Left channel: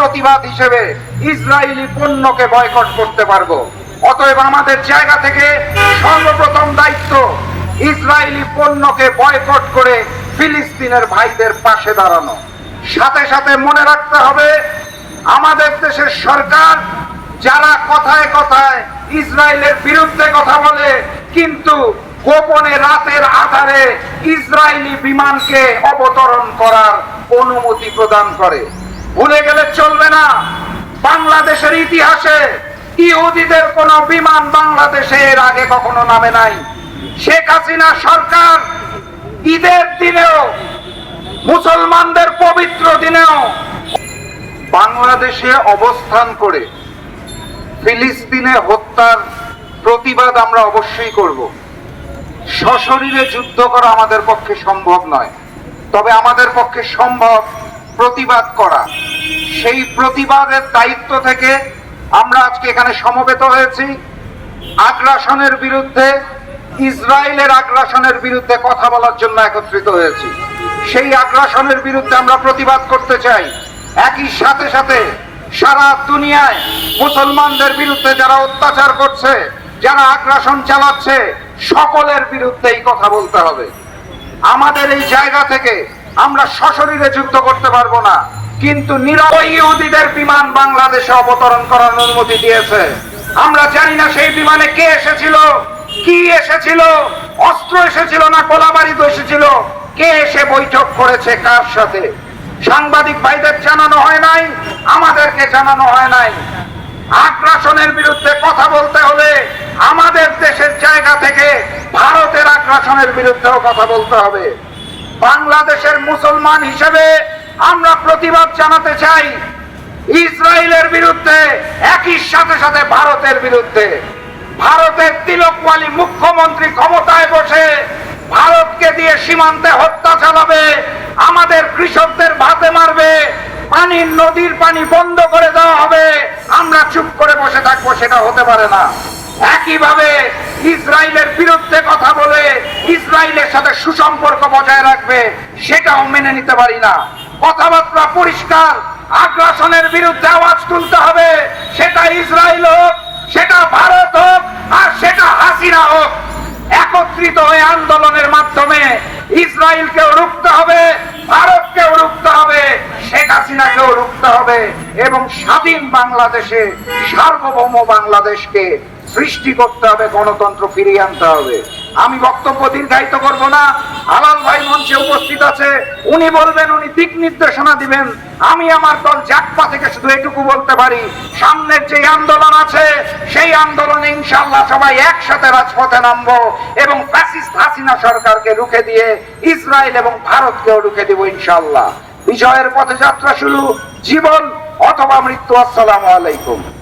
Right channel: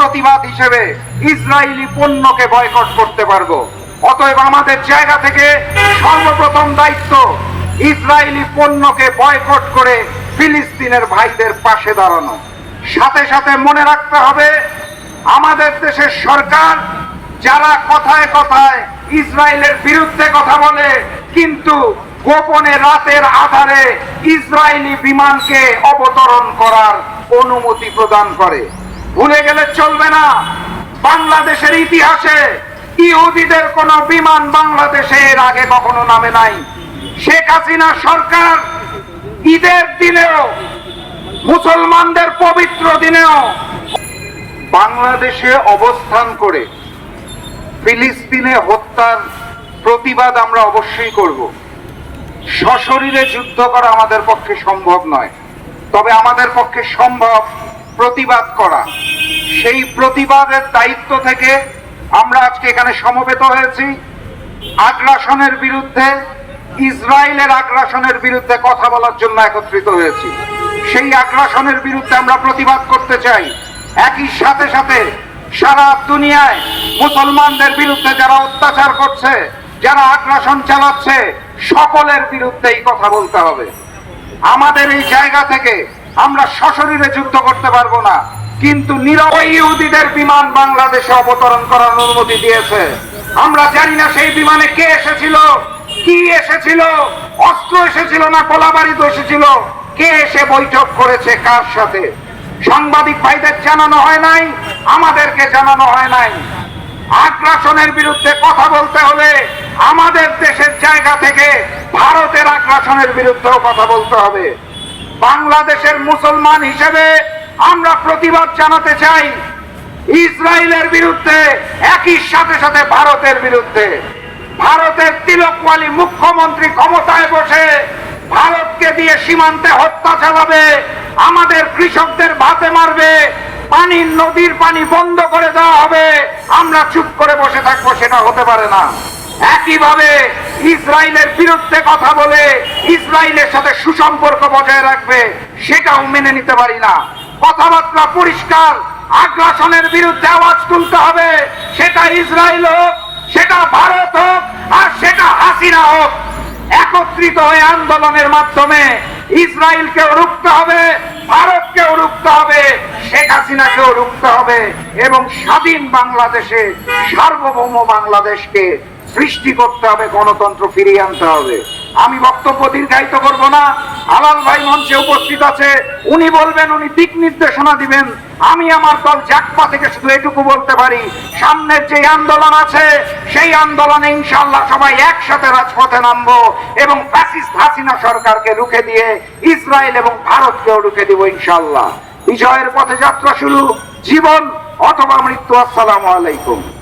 প্রতিবাদ হিসেবে Israeli পণ্যকে boycott করতে পারব। অতএব আমাদের জায়গা থেকে সর্বপ্রথম দায়িত্ব ইসরায়েলি পণ্যকে বয়কট করে ফিলিস্তিনের ভাইদের পাশে দাঁড়ানো। সাথে সাথে মনে রাখতে হবে, আমাদের দেশের সরকার যারা কথায় কথায় ইসরায়েলের বিরুদ্ধে কথা বলে, কিন্তু গোপনে রাতের আধারে ইসরায়েলি বিমানকে অবতরণ করার অনুমতি প্রদান করে। ভুলে গেলে চলবে না। বাংলাদেশের ইতিহাসে ইহুদিদের কোনো বিমান বাংলাদেশে এর আগে কখনো নামে নাই। শেখ হাসিনা সরকার ঈদের দিনেও, মুসলমানদের পবিত্র দিনেও বাংলাদেশে অবস্থান করে ফিলিস্তিনে হত্যার প্রতিবাদ আমরা অবশ্যই করব। সশরীরে যুদ্ধ করা আমাদের পক্ষে সম্ভব নয়। তবে আমাদের পক্ষে সম্ভব প্রতিবাদ করা। সেই প্রতিবাদের দায়িত্ব থেকে আমরা আজকে এখানে সমবেত হয়েছি। আগ্রাসনের বিরুদ্ধে, ইসরায়েলের আগ্রাসনের বিরুদ্ধে কথা বলার জন্য একত্রিত হয়েছি। সেই আগ্রাসনের বিরুদ্ধে আমরা প্রতিবাদ করতে চাই। একই সাথে সাথে সারা দুনিয়ায় মুসলমানদের বিরুদ্ধে যারা অত্যাচার করছে, যারা আগ্রাসন চালাচ্ছে, সকলের বিরুদ্ধেই কথা বলতে হবে। আমাদের এই জায়গা থেকে আমরা সশরীরে যুদ্ধ করতে পারব না। কিন্তু ইহুদিদের বিমান বাংলাদেশে অবতরণ করার অনুমতি দিয়েছে। আমরা জানি না সেই বিমানে কে এসেছিল, কি এসেছিল, অস্ত্র এসেছিল না কোলাবাড়িতে এসেছিল, কে এসে বৈঠক করেছে, কার সাথে? সাংবাদিক ভাইদের জানানো হয় নাই, আমাদেরকে জানানো হয় নাই। আগ্রাসনের বিরুদ্ধে কথা বলতে হলে আমাদের দেশের জায়গা থেকে ভারতের আগ্রাসনের বিরুদ্ধেও কথা বলতে হবে। বাংলাদেশের মুসলমান হিসেবে আমরা প্রতিবাদ জানাতে চাই ইসরায়েলের বিরুদ্ধে, একই সাথে সাথে ভারতের বিরুদ্ধে। ভারতের তিলকওয়ালি মুখ্যমন্ত্রী ক্ষমতায় বসে ভারতকে দিয়ে সীমান্তে হত্যা চালাবে, আমাদের কৃষকদের ভাতে মারবে, পানির নদীর পানি বন্ধ করে দেওয়া হবে, আমরা চুপ করে বসে থাকব, সেটা হতে পারে না। একইভাবে ইসরায়েলের বিরুদ্ধে কথা বলে ইসরায়েলের সাথে সুসম্পর্ক বজায় রাখবে, সেটাও মেনে নিতে পারি না। কথাবার্তা পরিষ্কার, আগ্রাসনের বিরুদ্ধে আওয়াজ তুলতে হবে। সেটা ইসরায়েল হোক, সেটা ভারত হোক, আর সেটা হাসিনা হোক। একত্রিত হয়ে আন্দোলনের মাধ্যমে ইসরায়েলকেও রুখতে হবে, ভারতকেও রুখতে হবে, শেখ হাসিনাকেও রুখতে হবে, এবং স্বাধীন বাংলাদেশে সার্বভৌম বাংলাদেশকে সৃষ্টি করতে হবে, গণতন্ত্র ফিরিয়ে আনতে হবে। আমি বক্তব্য দীর্ঘায়িত করব না। হালাল ভাই মঞ্চে উপস্থিত আছে। উনি বলবেন, উনি দিক নির্দেশনা দিবেন। আমি আমার দল জাকপা থেকে শুধু এটুকু বলতে পারি, সামনের যে আন্দোলন আছে, সেই আন্দোলনে ইনশাল্লাহ সবাই একসাথে রাজপথে নামবো এবং ফ্যাসিস্ট হাসিনা সরকারকে রুখে দিয়ে ইসরায়েল এবং ভারতকেও রুখে দিব ইনশাল্লাহ বিজয়ের পথে যাত্রা শুরু। জীবন অথবা মৃত্যু। আসসালামু আলাইকুম।